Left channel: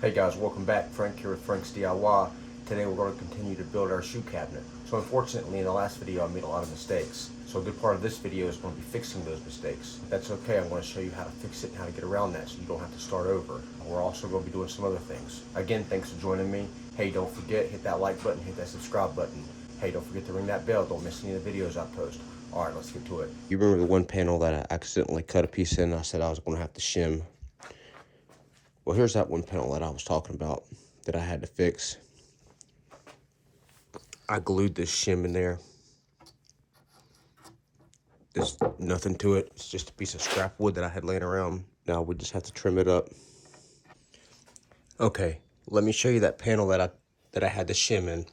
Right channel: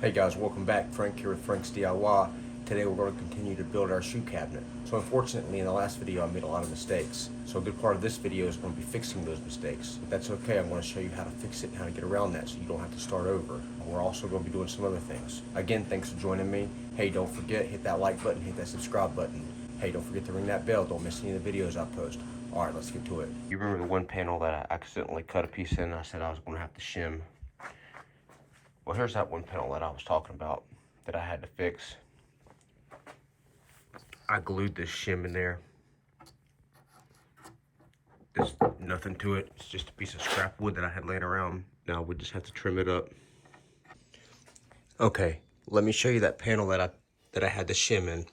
Hey guys, welcome back. Frank here with Frank's DIY. Today we're going to continue to build our shoe cabinet. So unfortunately in the last video I made a lot of mistakes. So a good part of this video is going to be fixing those mistakes. If that's okay, I'm going to show you how to fix it and how to get around that so you don't have to start over. We're also going to be doing some other things. Again, thanks for joining me. Hey, don't forget, hit that like button, hit that subscribe button. Hey, don't forget to ring that bell. Don't miss any of the videos I post. Alright, let's get to it. You remember the one panel that I accidentally cut a piece in and I said I was going to have to shim? Well, here's that one panel that I was talking about that I had to fix. I glued this shim in there. There's nothing to it. It's just a piece of scrap wood that I had laying around. Now we just have to trim it up. Okay, let me show you that panel that I had to shim in,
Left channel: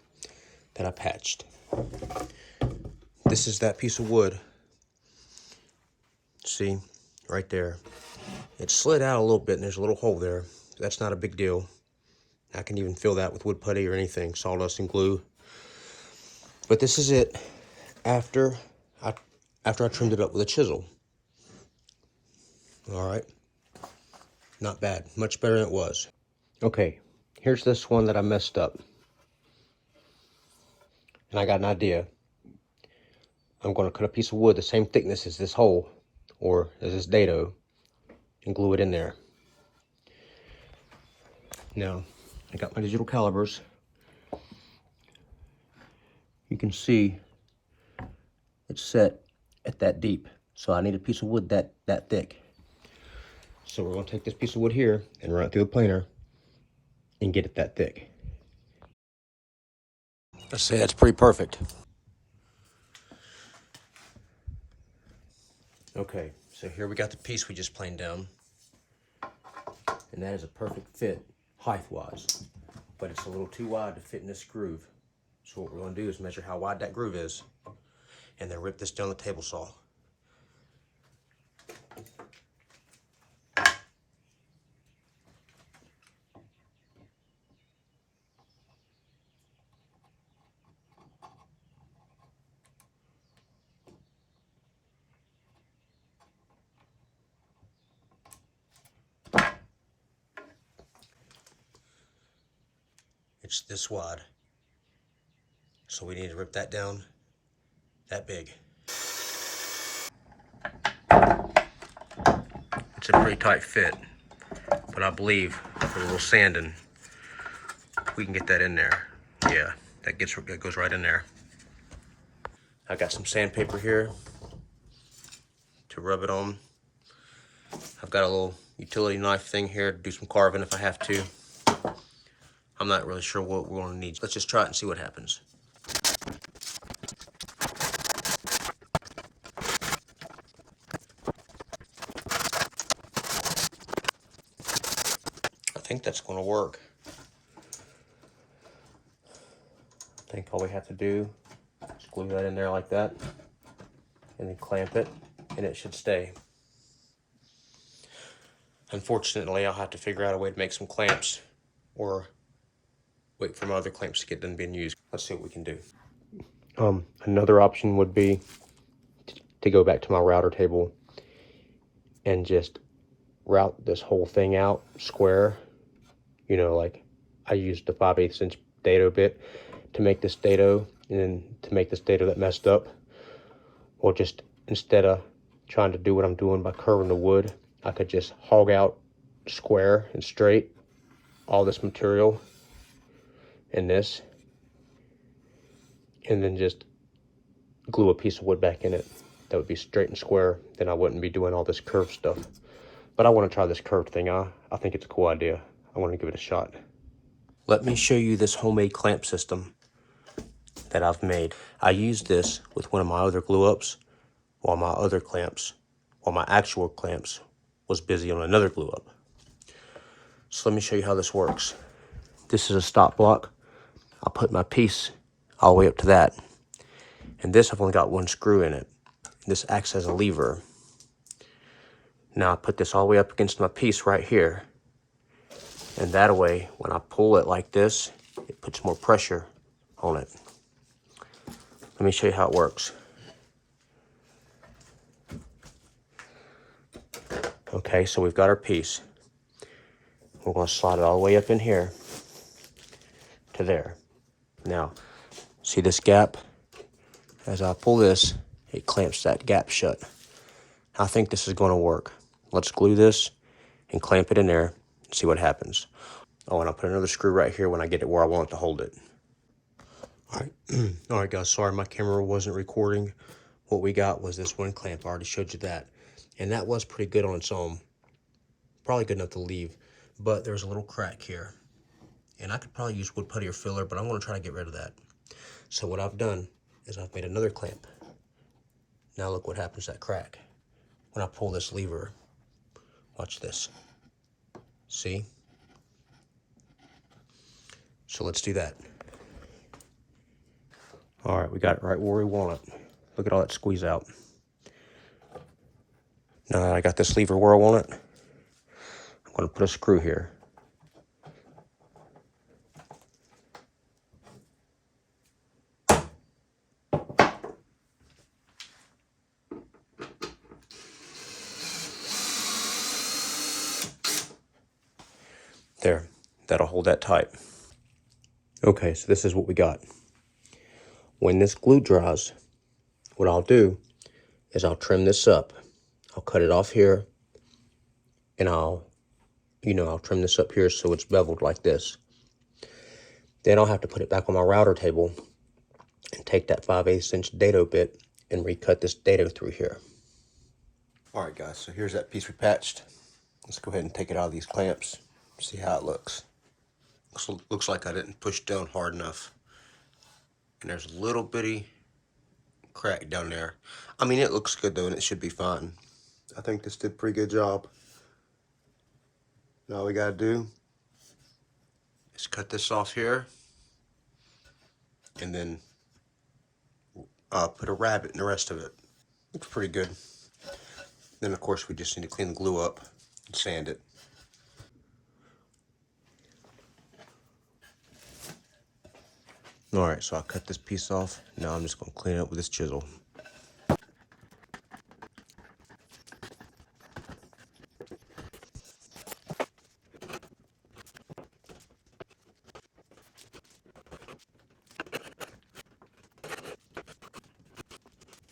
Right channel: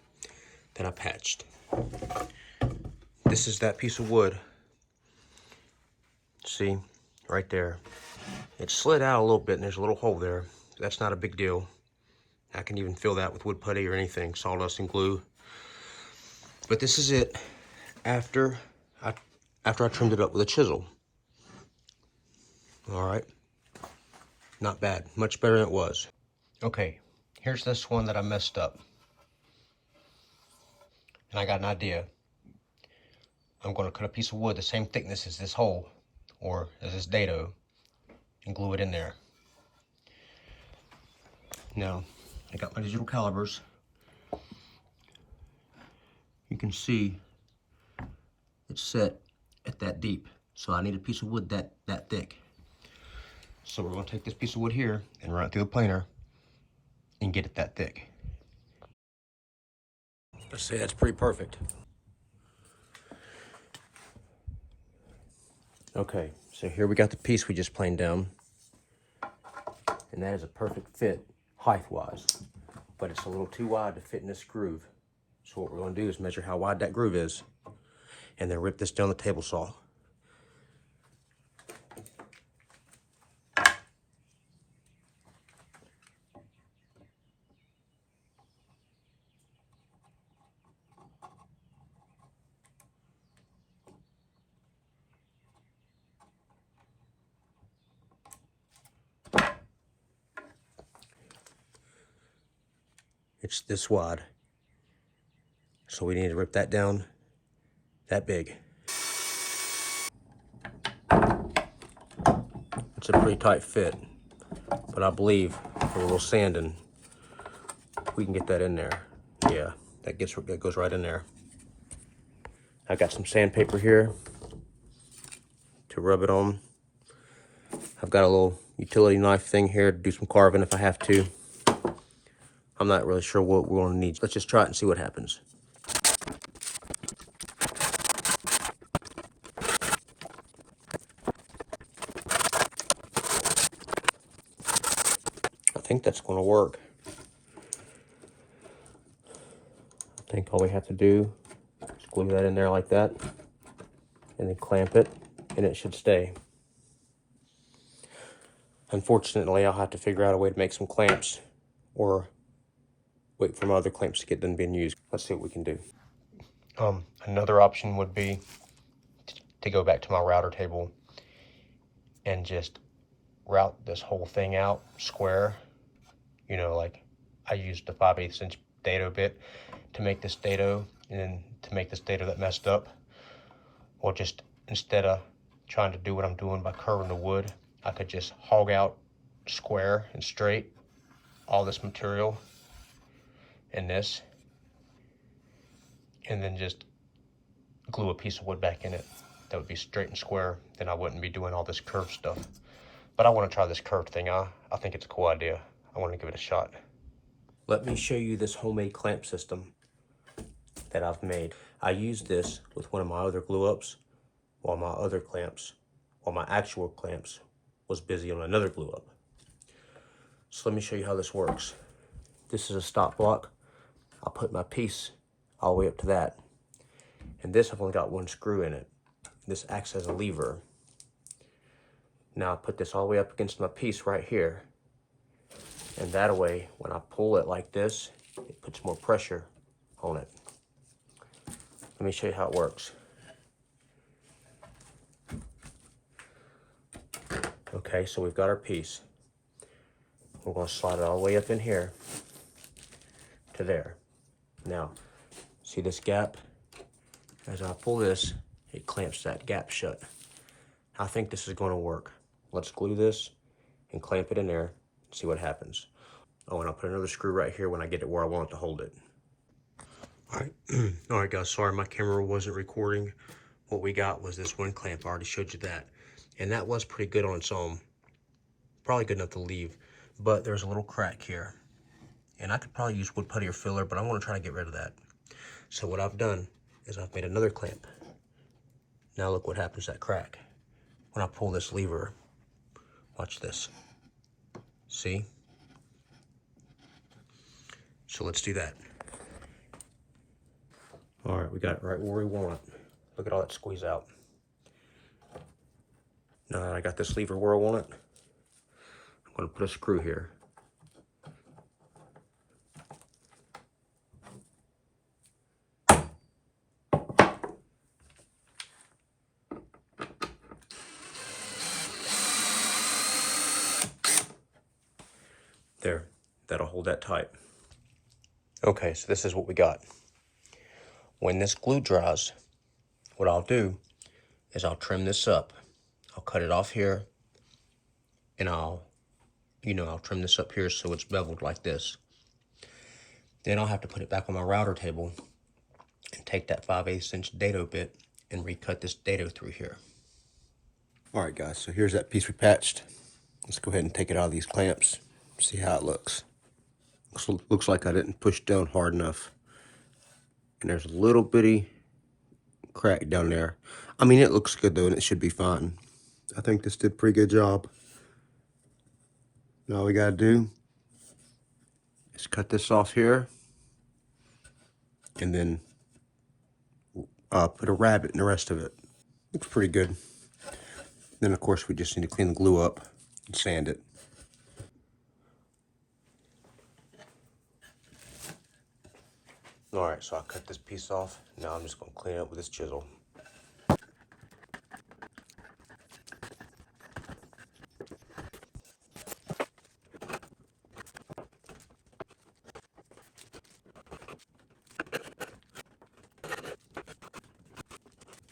that I patched. This is that piece of wood. See, right there. It slid out a little bit and there's a little hole there. That's not a big deal. I can even fill that with wood putty or anything, sawdust and glue. But this is it after I trimmed it up with a chisel. All right, not bad, much better than it was. Okay, here's this one that I messed up. And I got an idea. I'm gonna cut a piece of wood the same thickness as this hole, or as this dado, and glue it in there. Now, I got my digital calipers. You can see it's set at that deep. So I need a piece of wood that thick. So we're gonna take this piece of wood here and run it through the planer and get it that thick. Let's say that's pretty perfect. Okay, so here we got the piece we just planed down. And that is a perfect fit, height-wise. But it's a little too wide to fit in this groove. So what we're gonna do is measure how wide that groove is and then rip this down the table saw. It's this wide. So we need to rip that down that big. It's a pretty tight fit, but I believe with a little sanding, we can get that in there. Yeah, that goes right in there. I got some sandpaper here to rub it on. I've got a little utility knife thing here to do some carving if I have to. I'm not really sure what we're gonna need. Let's just try it and see what happens. I think that's gonna work. I think all we have to do is glue that in there like that and then clamp it and it should stay. Unfortunately, I'll have to figure out a way to make some clamps or wait for my other clamps to get done being used. Let's see what we can do. Another option would be to go back to my router table and just route this whole thing out square. You know, like I used the 5/8 inch dado bit to make this dado and then to make this dado that messed up. Or just instead of trying to do what I'm doing by curving the wood, I could just hog out square and straight all this material and this, and then just glue a piece of wood back in it that would be straight and square. Then I wouldn't be doing all this curved stuff. But I want to try this curved thing. I think it's a cool idea. I want to give it a shot. Let me show you this homemade clamp system that I've made. I used this with one of my other glue ups while my actual clamps was busy on another glue up. So let me show you how this works. This is a stop block. I'll put my piece all the way up to that. And this, I've only got one screw in it. This acts as a lever. Now I put this all the way up against my piece right here. And that way, when I pull it like this, it puts more pressure on it. Let me show you how it works. Okay, so we've got our piece. We're going to slide it all the way up in here to there. Now, see this gap? As I pull this, it clamps that gap shut. I think this is going to work. Let's glue this and clamp it in there and see what happens. Oh, and I'll put another screw right here when I get it where I want it to hold it. All right, all right, guys. Sorry, my camera wasn't recording. What we got was this one clamp. I already showed you that, and that was pretty good on its own. Probably good enough to leave, but there's a little crack here, and I could probably use wood putty or filler, but I'm going to try to get rid of that. So what I've done is I've made another clamp. Now look what happens to that crack when I pull this lever. Watch this. See? So let's do that. All right, we got it right where we want it. Look at all that squeeze out. Now that I got this lever where I want it, I'm going to put a screw here. There, that'll hold that tight. Okay, so this is what we got. When this glue dries, what I'll do is I'll trim this up. I'll cut it off here, and I'll trim this up here so it's beveled like this. Then I'll have to put it back on my router table and take that 5/8 inch dado bit and recut this dado through here. All right, guys, so here's that piece we patched. Let's go ahead and take it out of these clamps, see how it looks. Looks like I didn't push down hard enough. And there's a little bitty crack down there. I mean, it looks good though, and it should be fine. I think this did a pretty good job. Now all we gotta do is cut this off here, and then put a rabbet in the rest of it. Looks pretty good. Then of course we just need to clean the glue up and sand it. All right, so I'll cut this piece off. Now I'm just gonna clean it up with this chisel.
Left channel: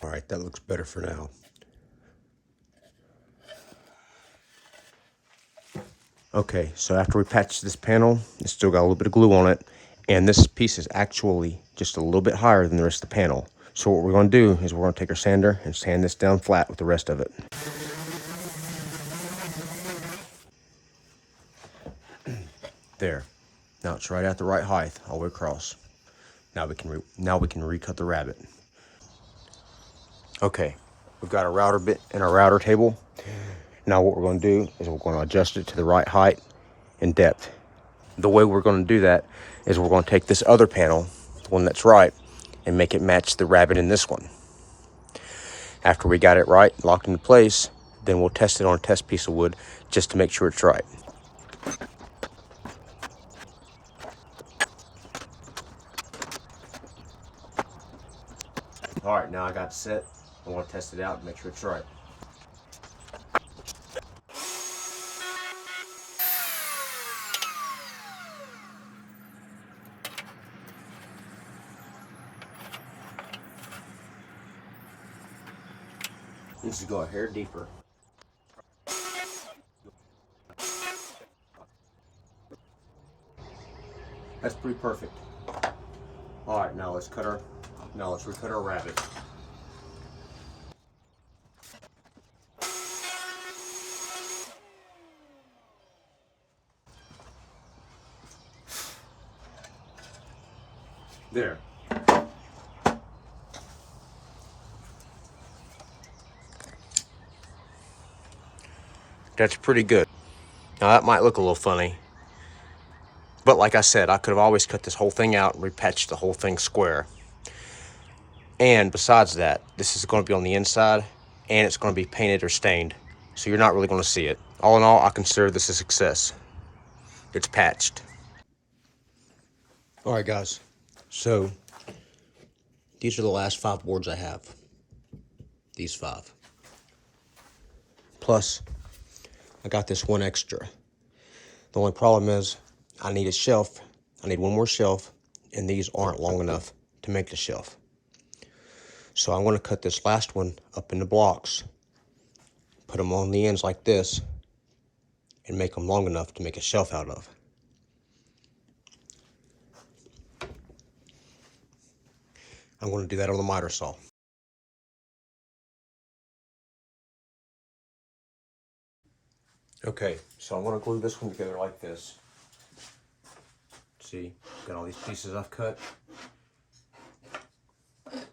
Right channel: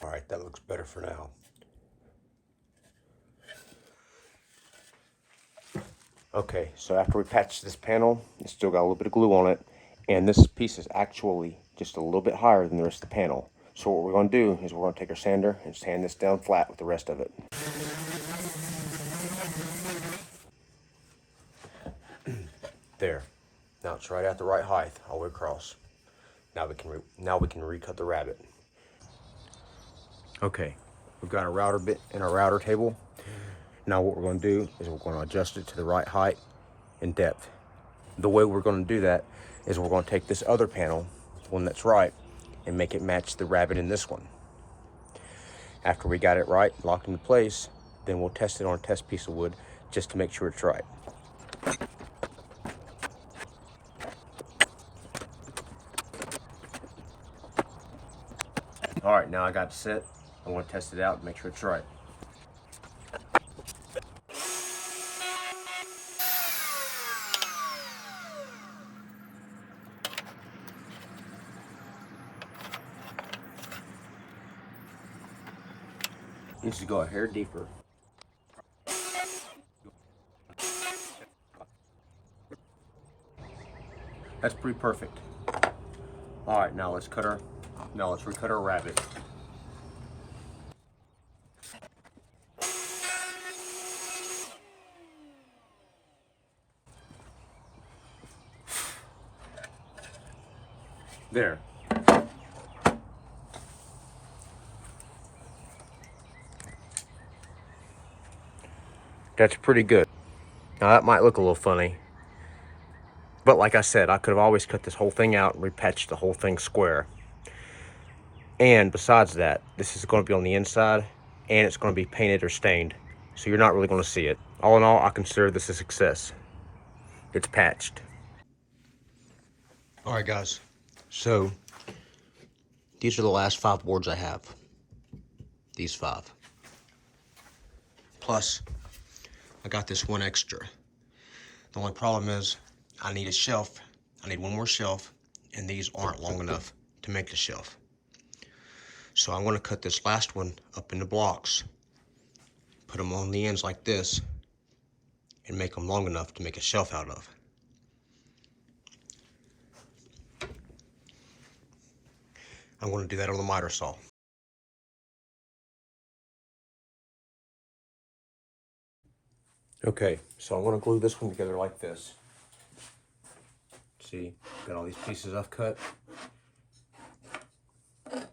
All right, that looks better for now. Okay, so after we patched this panel, it's still got a little bit of glue on it, and this piece is actually just a little bit higher than the rest of the panel. So what we're going to do is we're going to take our sander and sand this down flat with the rest of it. There. Now it's right at the right height all the way across. Now we can recut the rabbet. Okay, we've got a router bit and a router table. Now what we're going to do is we're going to adjust it to the right height and depth. The way we're going to do that is we're going to take this other panel, the one that's right, and make it match the rabbet in this one. After we got it right, locked into place, then we'll test it on a test piece of wood just to make sure it's right. All right, now I got it set. I want to test it out and make sure it's right. Needs to go a hair deeper. That's pretty perfect. All right, now let's recut our rabbet. There. That's pretty good. Now that might look a little funny, but like I said, I could have always cut this whole thing out and repatched the whole thing square. And besides that, this is going to be on the inside, and it's going to be painted or stained, so you're not really going to see it. All in all, I consider this a success. It's patched. All right, guys. So these are the last 5 boards I have. These 5. Plus, I got this one extra. The only problem is I need a shelf. I need one more shelf, and these aren't long enough to make the shelf. So I'm going to cut this last one up into blocks, put them on the ends like this, and make them long enough to make a shelf out of. I'm going to do that on the miter saw. Okay, so I'm going to glue this one together like this. See, got all these pieces I've cut. I'm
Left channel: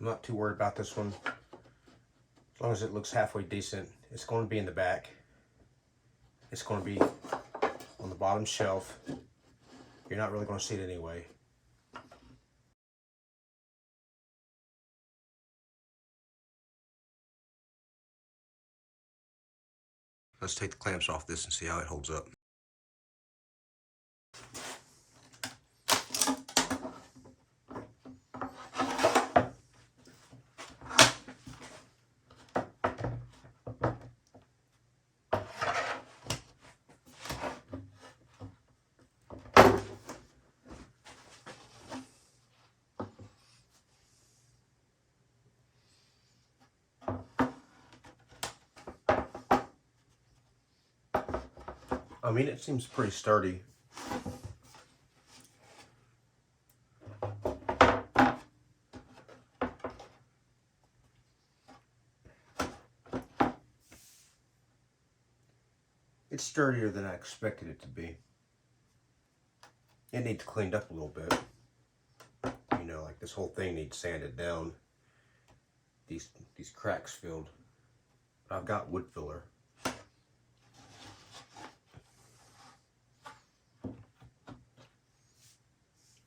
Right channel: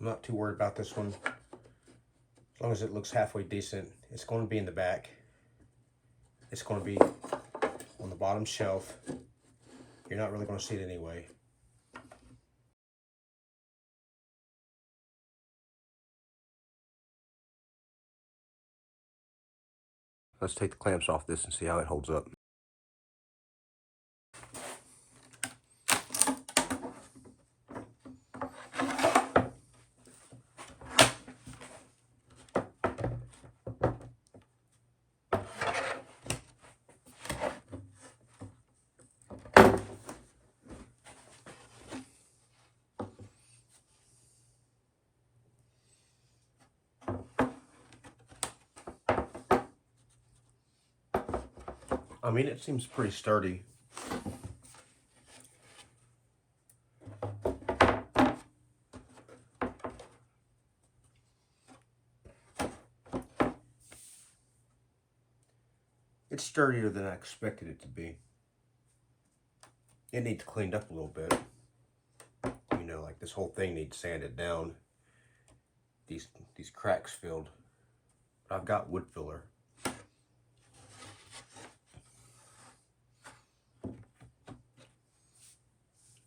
not too worried about this one. As long as it looks halfway decent. It's going to be in the back. It's going to be on the bottom shelf. You're not really going to see it anyway. Let's take the clamps off this and see how it holds up. I mean, it seems pretty sturdy. It's sturdier than I expected it to be. It needs cleaned up a little bit. You know, like this whole thing needs sanded down. These cracks filled. But I've got wood filler.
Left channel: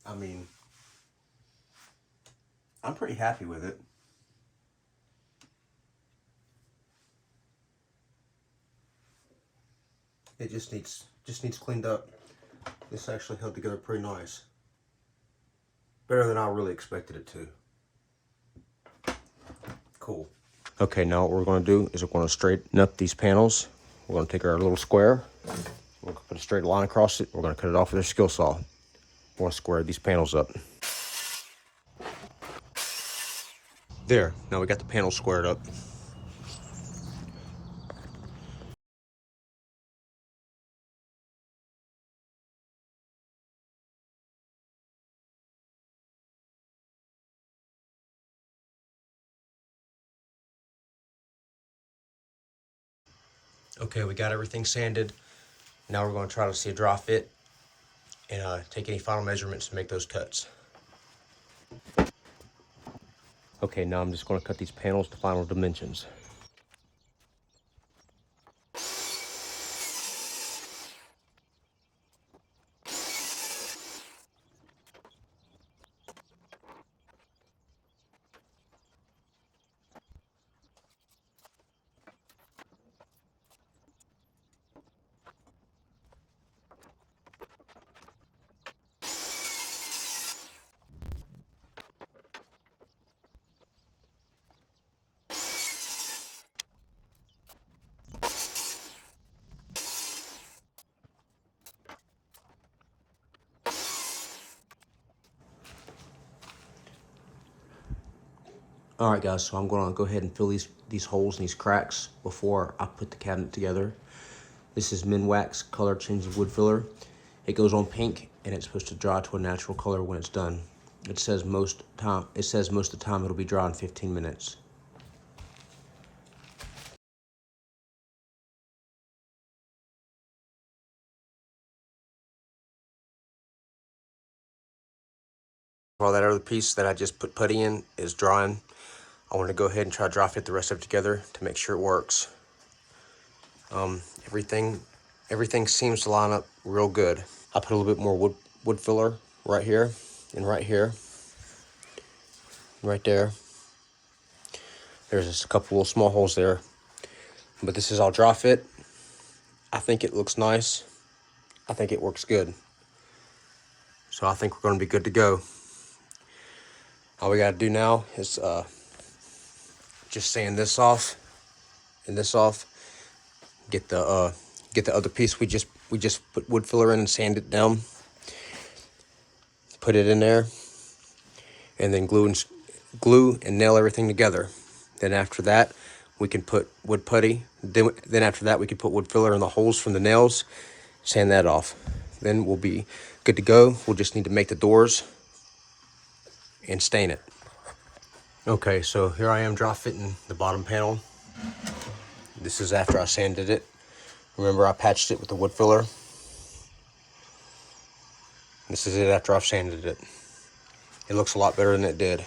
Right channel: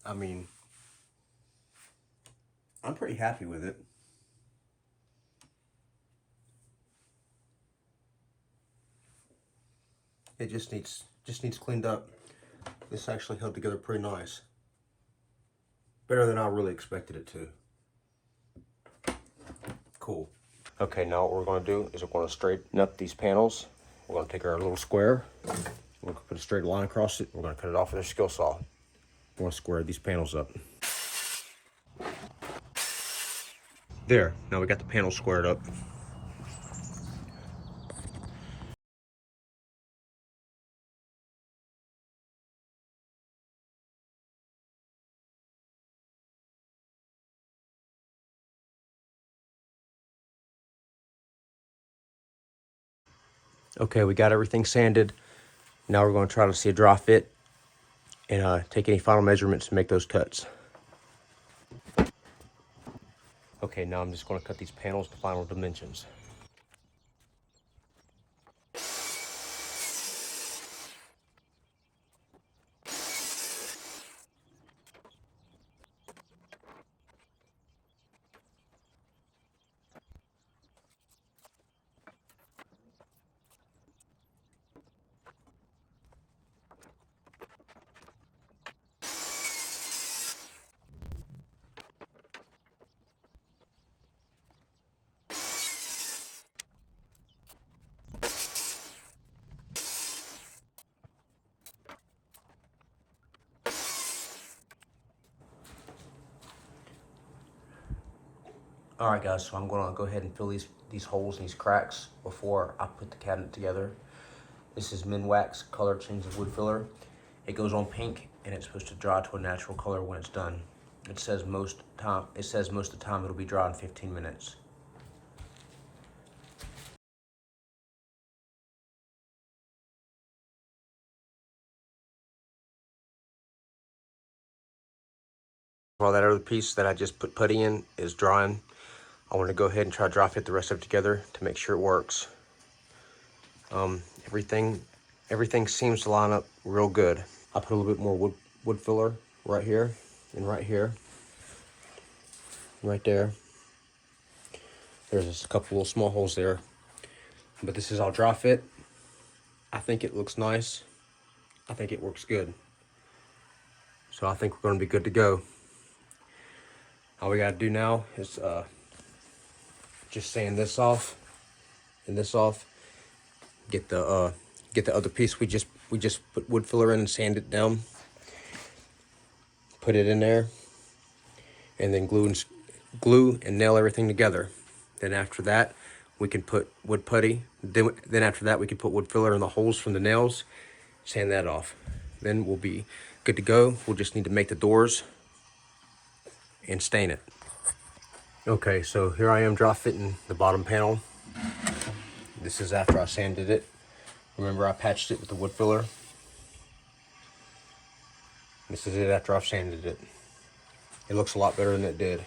I mean, I'm pretty happy with it. It just needs cleaned up. This actually held together pretty nice. Better than I really expected it to. Cool. Okay, now what we're going to do is we're going to straighten up these panels. We're going to take our little square. We're going to put a straight line across it. We're going to cut it off with a skill saw. We're going to square these panels up. There, now we got the panels squared up. Okay, we got everything sanded. Now we're going to try to see a draw fit and take any final measurements to make those cuts. Okay, now I'm just going to cut these panels to final dimensions. All right, guys, so I'm going to go ahead and fill these holes and these cracks before I put the cabinet together. This is Minwax Color Changing Wood Filler. It goes on pink, and it's supposed to dry to a natural color when it's done. It says most of the time it'll be dry in 15 minutes. While that other piece that I just put putty in is drying, I want to go ahead and try to dry fit the rest of it together to make sure it works. Everything seems to line up real good. I put a little bit more wood filler right here and right here, right there. There's just a couple little small holes there, but this is all dry fit. I think it looks nice. I think it works good. So I think we're going to be good to go. All we got to do now is just sand this off and this off. Get the other piece we just we just put wood filler in and sand it down, put it in there, and then glue and nail everything together. Then after that, we can put wood putty. Then after that, we can put wood filler in the holes from the nails, sand that off. Then we'll be good to go. We'll just need to make the doors and stain it. Okay, so here I am drop fitting the bottom panel. This is after I sanded it. Remember, I patched it with the wood filler. This is it after I've sanded it. It looks a lot better than it did.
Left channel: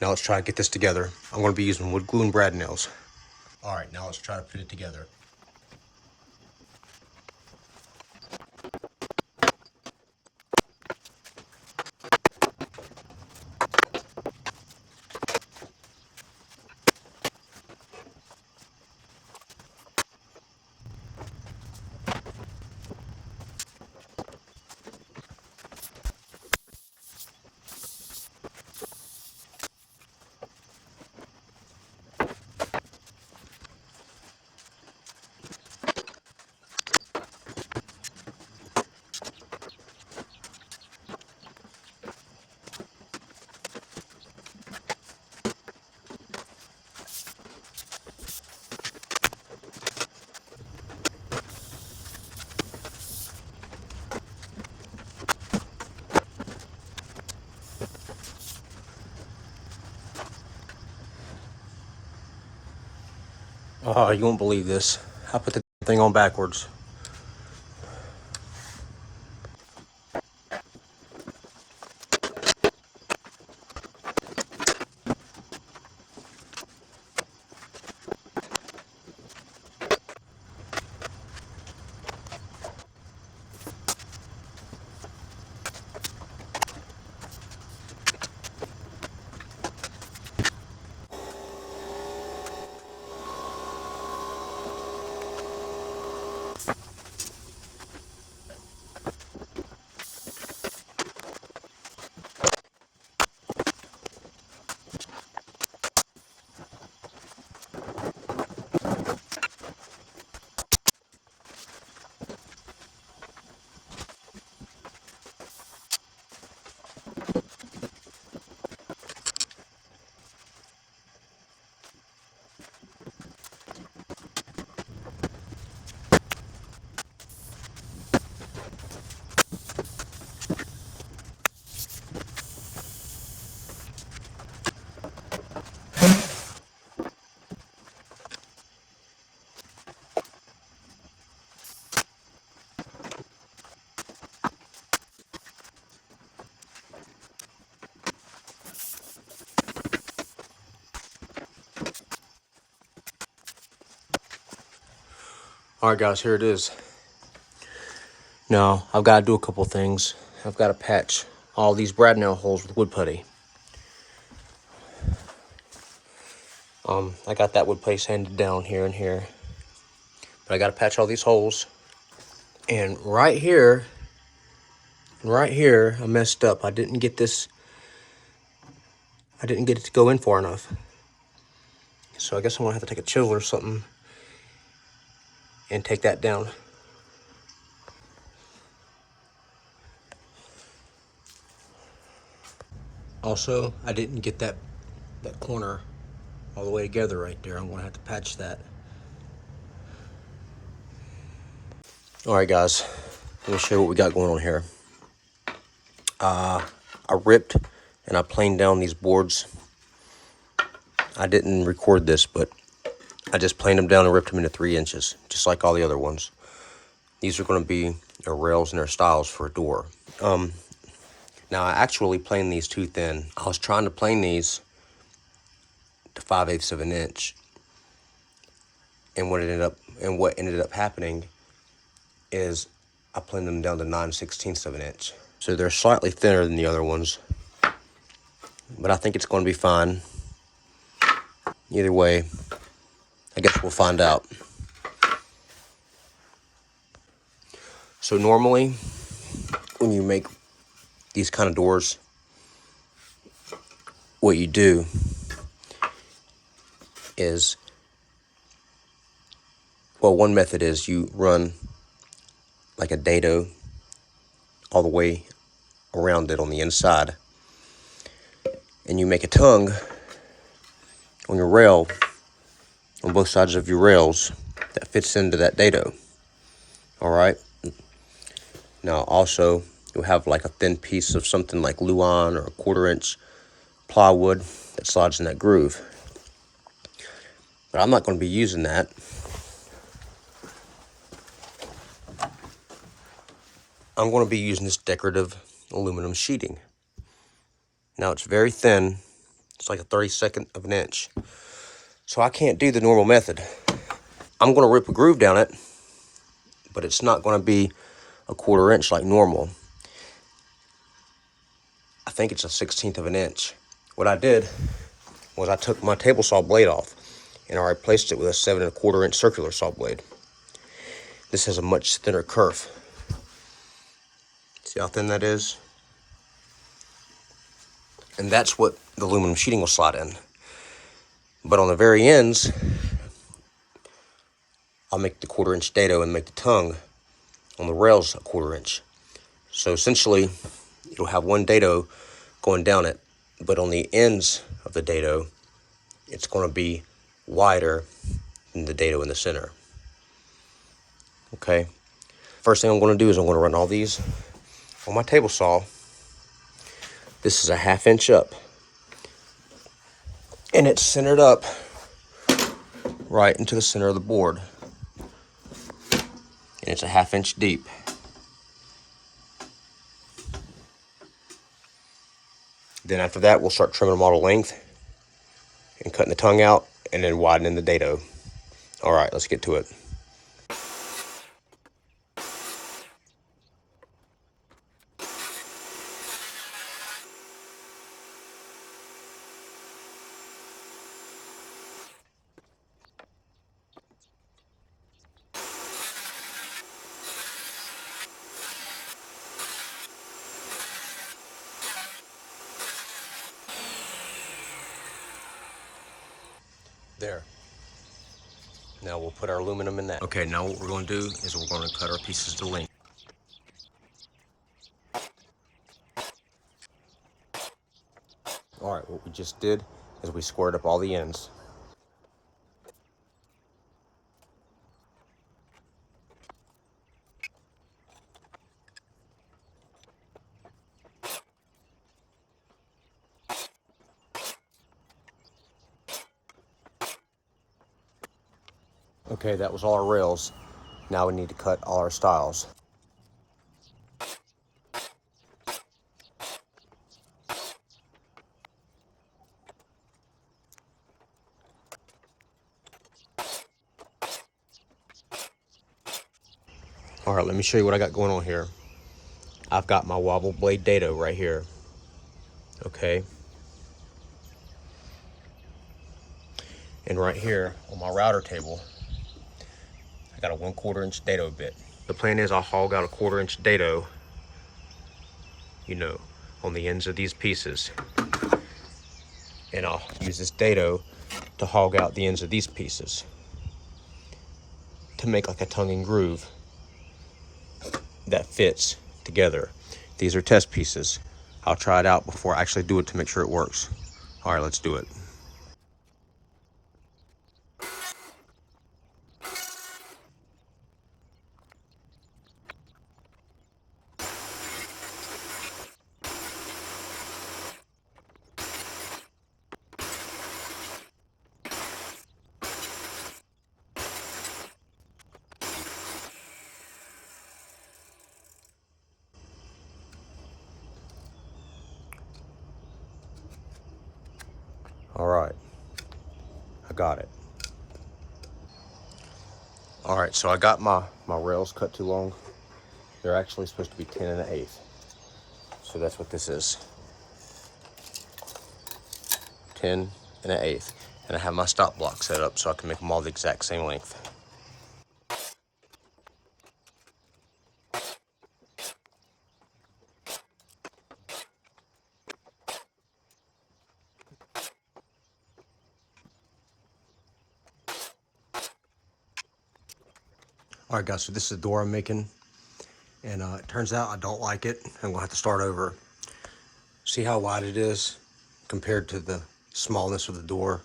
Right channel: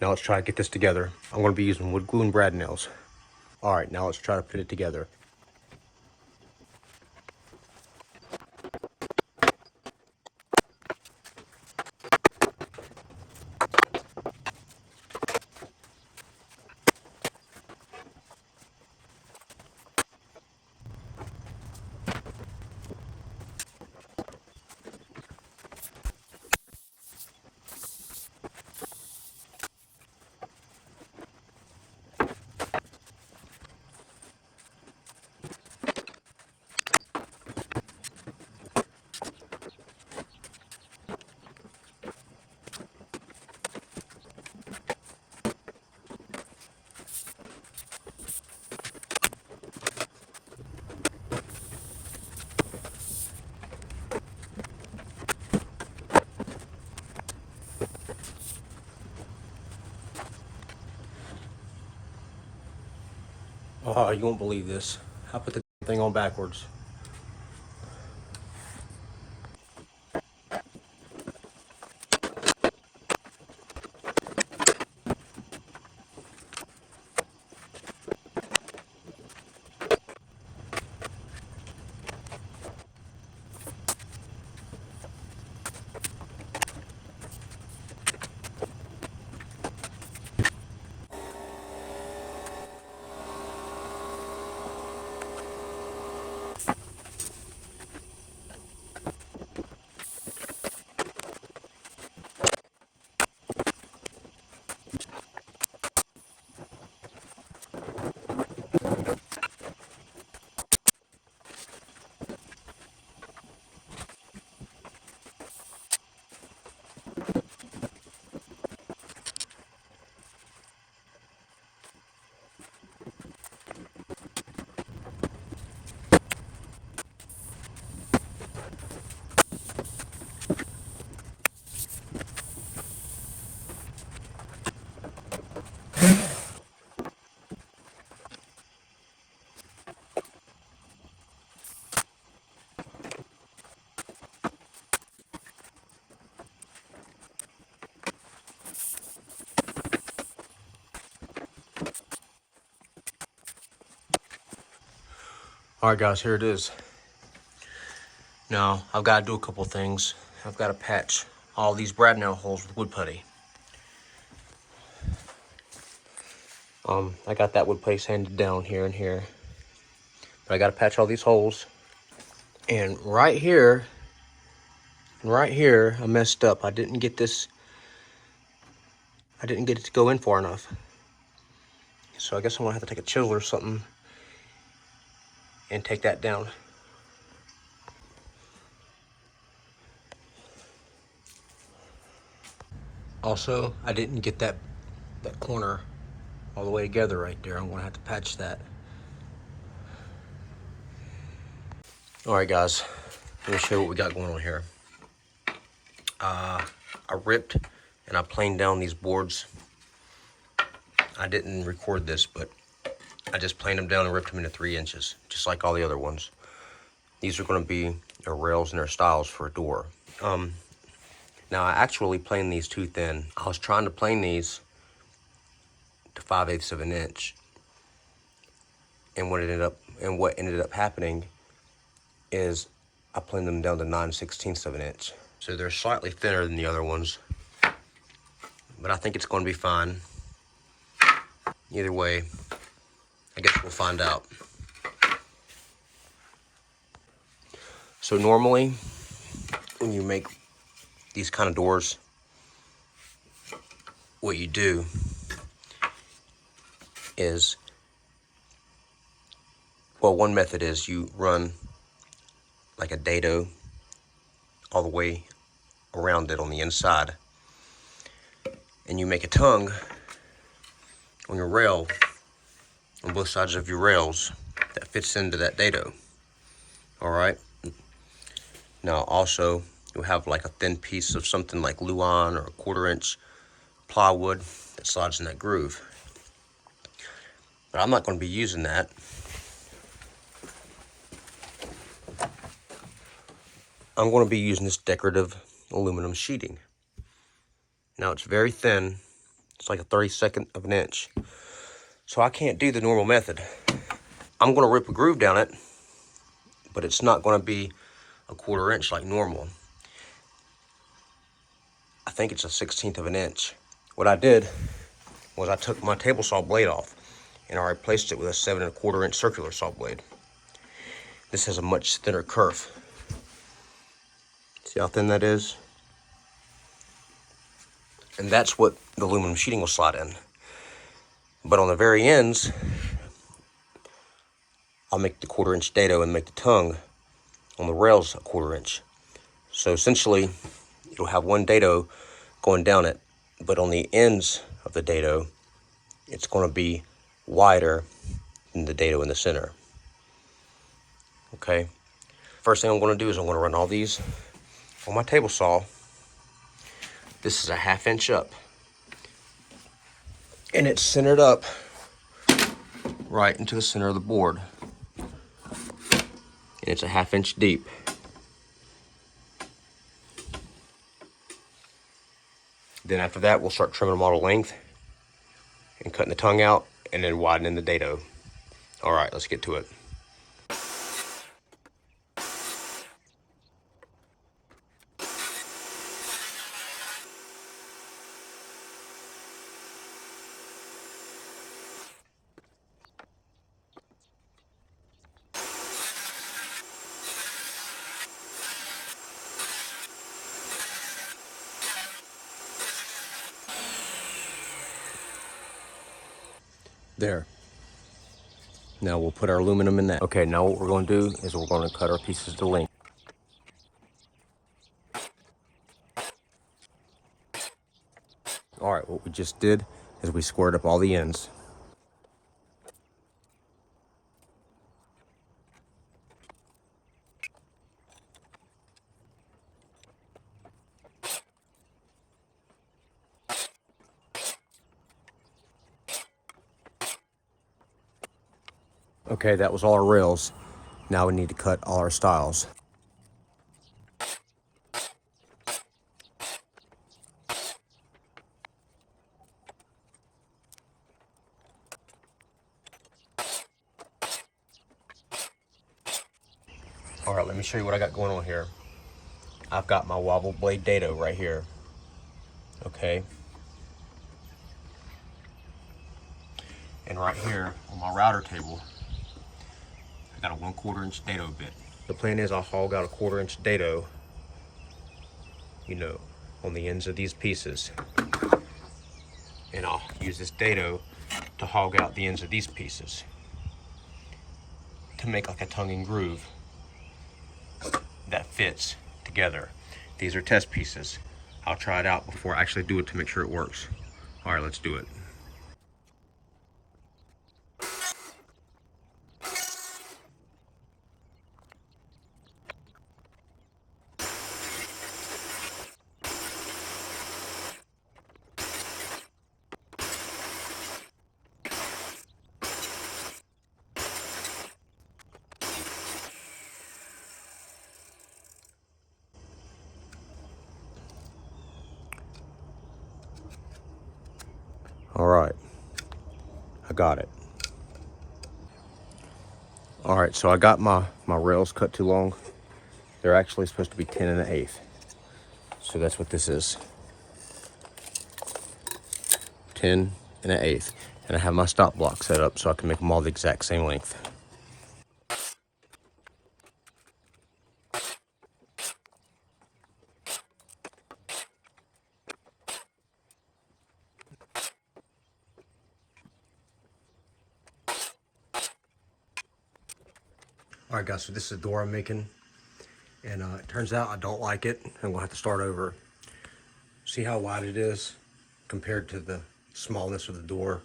Now let's try to get this together. I'm going to be using wood glue and brad nails. All right, now let's try to put it together. Oh, you won't believe this. I put the thing on backwards. All right, guys, here it is. Now, I've got to do a couple things. I've got to patch all these brad nail holes with wood putty. I got that wood putty sanded down here and here. But I got to patch all these holes. And right here, I messed up. I didn't get it to go in far enough. So I guess I'm going to have to take a chisel or something and take that down. Also, I didn't get that corner all the way together right there. I'm gonna have to patch that. All right, guys, let me show you what we got going on here. I ripped and I planed down these boards. I didn't record this, but I just planed them down and ripped them into 3 inches, just like all the other ones. These are gonna be their rails and their stiles for a door. Now I actually planed these too thin. I was trying to plane these to 5/8 of an inch. And what ended up happening is I planed them down to 9/16 of an inch. So they're slightly thinner than the other ones, but I think it's going to be fine. Either way, I guess we'll find out. So normally, when you make these kind of doors, what you do is Well, one method is you run like a dado all the way around it on the inside, and you make a tongue on your rail, on both sides of your rails, that fits into that dado. All right. Now also you'll have like a thin piece of something like Luan or a 1/4 inch plywood that slides in that groove. But I'm not going to be using that. I'm going to be using this decorative aluminum sheeting. Now it's very thin. It's like a 32nd of an inch. So I can't do the normal method. I'm going to rip a groove down it, but it's not going to be a 1/4 inch like normal. I think it's a 1/16 of an inch. What I did was I took my table saw blade off and I replaced it with a 7 1/4 inch circular saw blade. This has a much thinner kerf. See how thin that is? And that's what the aluminum sheeting will slide in. But on the very ends, I'll make the 1/4 inch dado and make the tongue on the rails a 1/4 inch. So essentially, you'll have one dado going down it, but on the ends of the dado, it's going to be wider than the dado in the center. Okay? First thing I'm going to do is I'm going to run all these on my table saw. This is a 1/2 inch up. And it's centered up right into the center of the board. And it's a 1/2 inch deep. Then after that, we'll start trimming them all to length and cutting the tongue out and then widening the dado. All right, let's get to it. There. Now we'll put our aluminum in that. Okay, now what we're going to do is we're going to cut our pieces to length. All right, what we just did is we squared up all the ends. Okay, that was all our rails. Now we need to cut all our stiles. All right, let me show you what I got going on here. I've got my wobble blade dado right here. Okay. And right here on my router table, I got a 1/4 inch dado bit. The plan is I'll hog out a 1/4 inch dado, you know, on the ends of these pieces. And I'll use this dado to hog out the ends of these pieces to make like a tongue and groove that fits together. These are test pieces. I'll try it out before I actually do it to make sure it works. All right, let's do it. All right, I got it. All right, so I got my rails cut too long. They're actually supposed to be 10 1/8. So that's what this is. 10 1/8. And I have my stop block set up so I can make them all the exact same length. All right, guys, so this is the door I'm making. And it turns out I don't like it. I'm gonna have to start over. See how wide it is compared to the smallness of the door.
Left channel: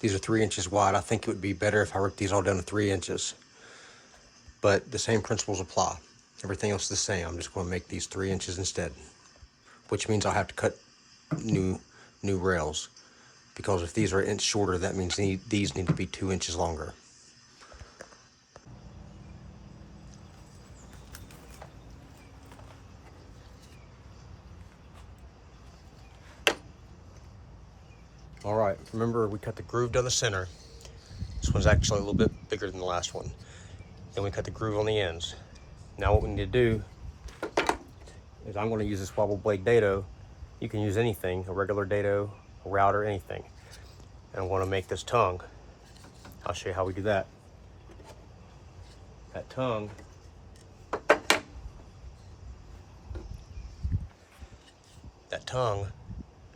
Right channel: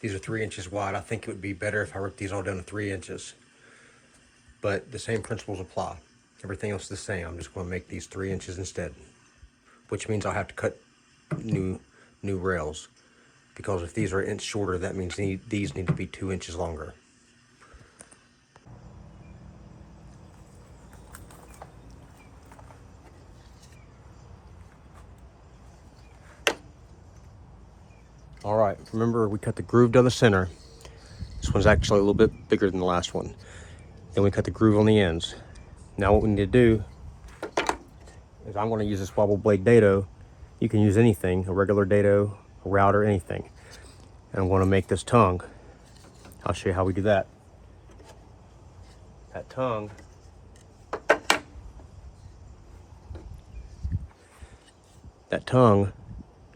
These are 3 inches wide. I think it would be better if I ripped these all down to 3 inches. But the same principles apply. Everything else is the same. I'm just gonna make these 3 inches instead, which means I'll have to cut new rails. Because if these are an inch shorter, that means these need to be 2 inches longer. All right, remember we cut the groove down the center. This one's actually a little bit bigger than the last one. Then we cut the groove on the ends. Now what we need to do is I'm gonna use this wobble blade dado. You can use anything, a regular dado, a router, anything. And I'm gonna make this tongue. I'll show you how we do that. That tongue,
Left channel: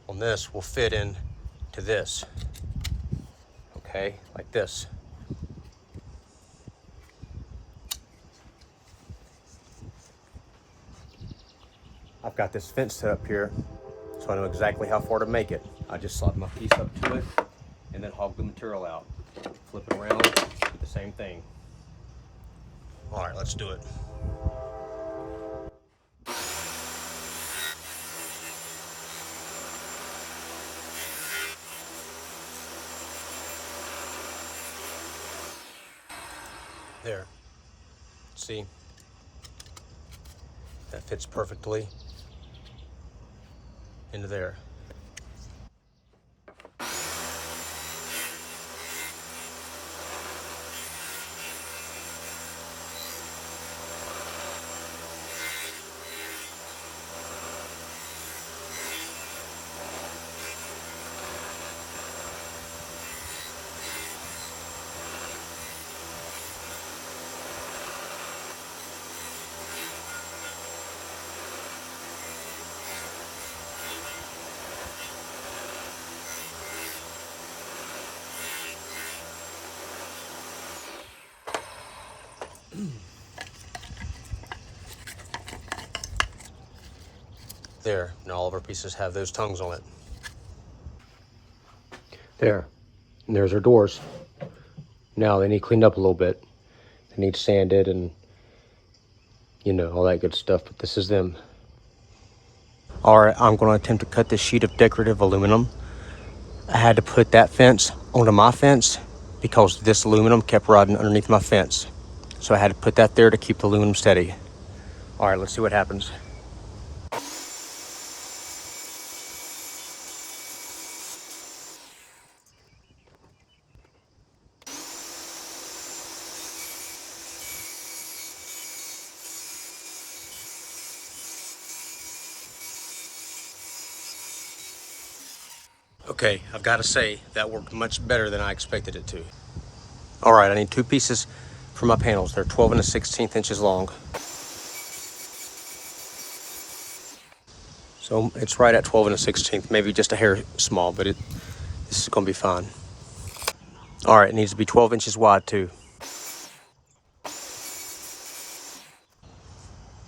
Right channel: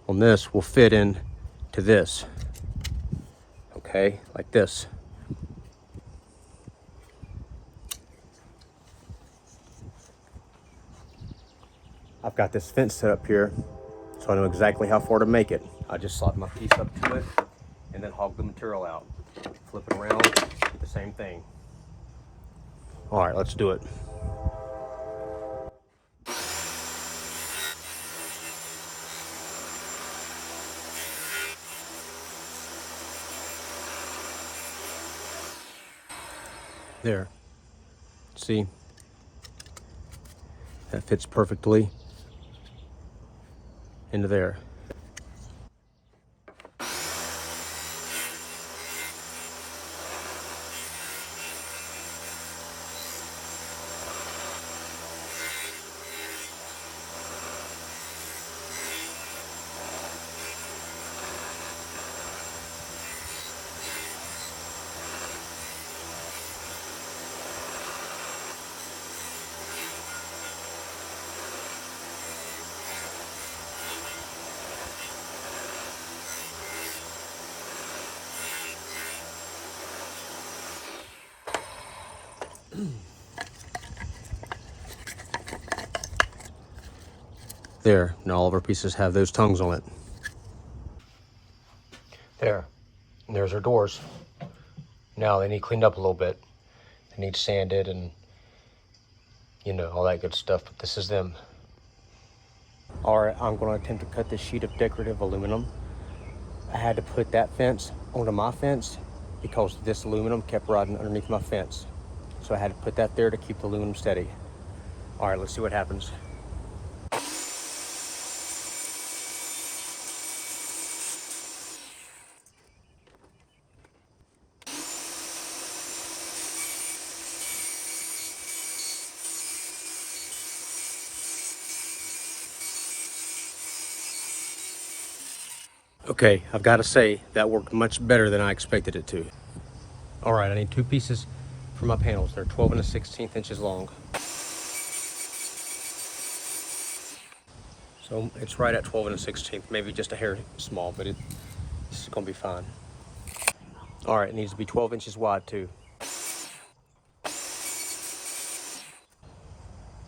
on this will fit in to this, okay, like this. I've got this fence set up here, so I know exactly how far to make it. I just slide my piece up to it and then hog the material out. Flip it around, do the same thing. All right, let's do it. There, see, that fits perfectly into there. There, now all of our pieces have those tongues on it. There, and there's our doors. Now they need cleaned up a little bit. They need sanded and, you know, all that good stuff, but this is them. All right, I'm gonna attempt to cut this sheet of decorative aluminum. I had to put that fence onto my fence because this aluminum kept rotting underneath my fence. So I had to put that there to keep the aluminum steady. All right, let's see what happens. Okay, I've got to say, that worked much better than I expected it to. All right, I need 2 pieces for my panels. They're 12 1/16 inches long. So it's right at 12 1/16, maybe just a hair small, but this is gonna be fine. All right, it needs to be 12 inches wide too.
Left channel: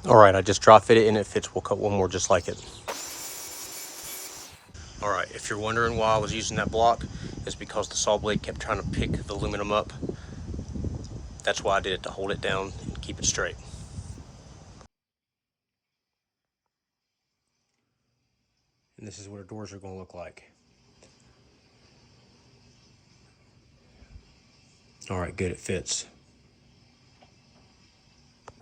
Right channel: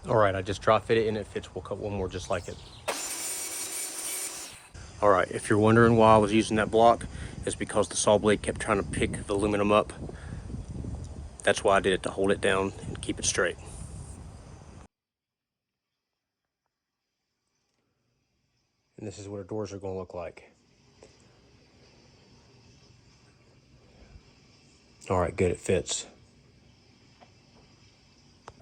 All right, I just drop fit it and it fits. We'll cut one more just like it. All right, if you're wondering why I was using that block, it's because the saw blade kept trying to pick the aluminum up. That's why I did it, to hold it down and keep it straight. And this is what our doors are gonna look like. All right, good, it fits.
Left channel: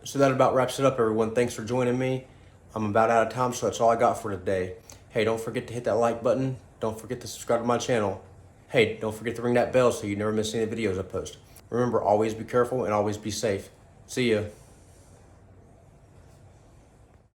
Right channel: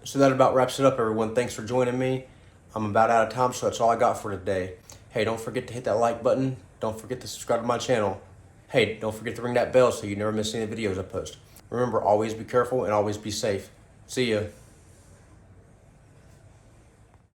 So that about wraps it up, everyone. Thanks for joining me. I'm about out of time, so that's all I got for today. Hey, don't forget to hit that like button. Don't forget to subscribe to my channel. Hey, don't forget to ring that bell so you never miss any of the videos I post. Remember, always be careful and always be safe. See ya.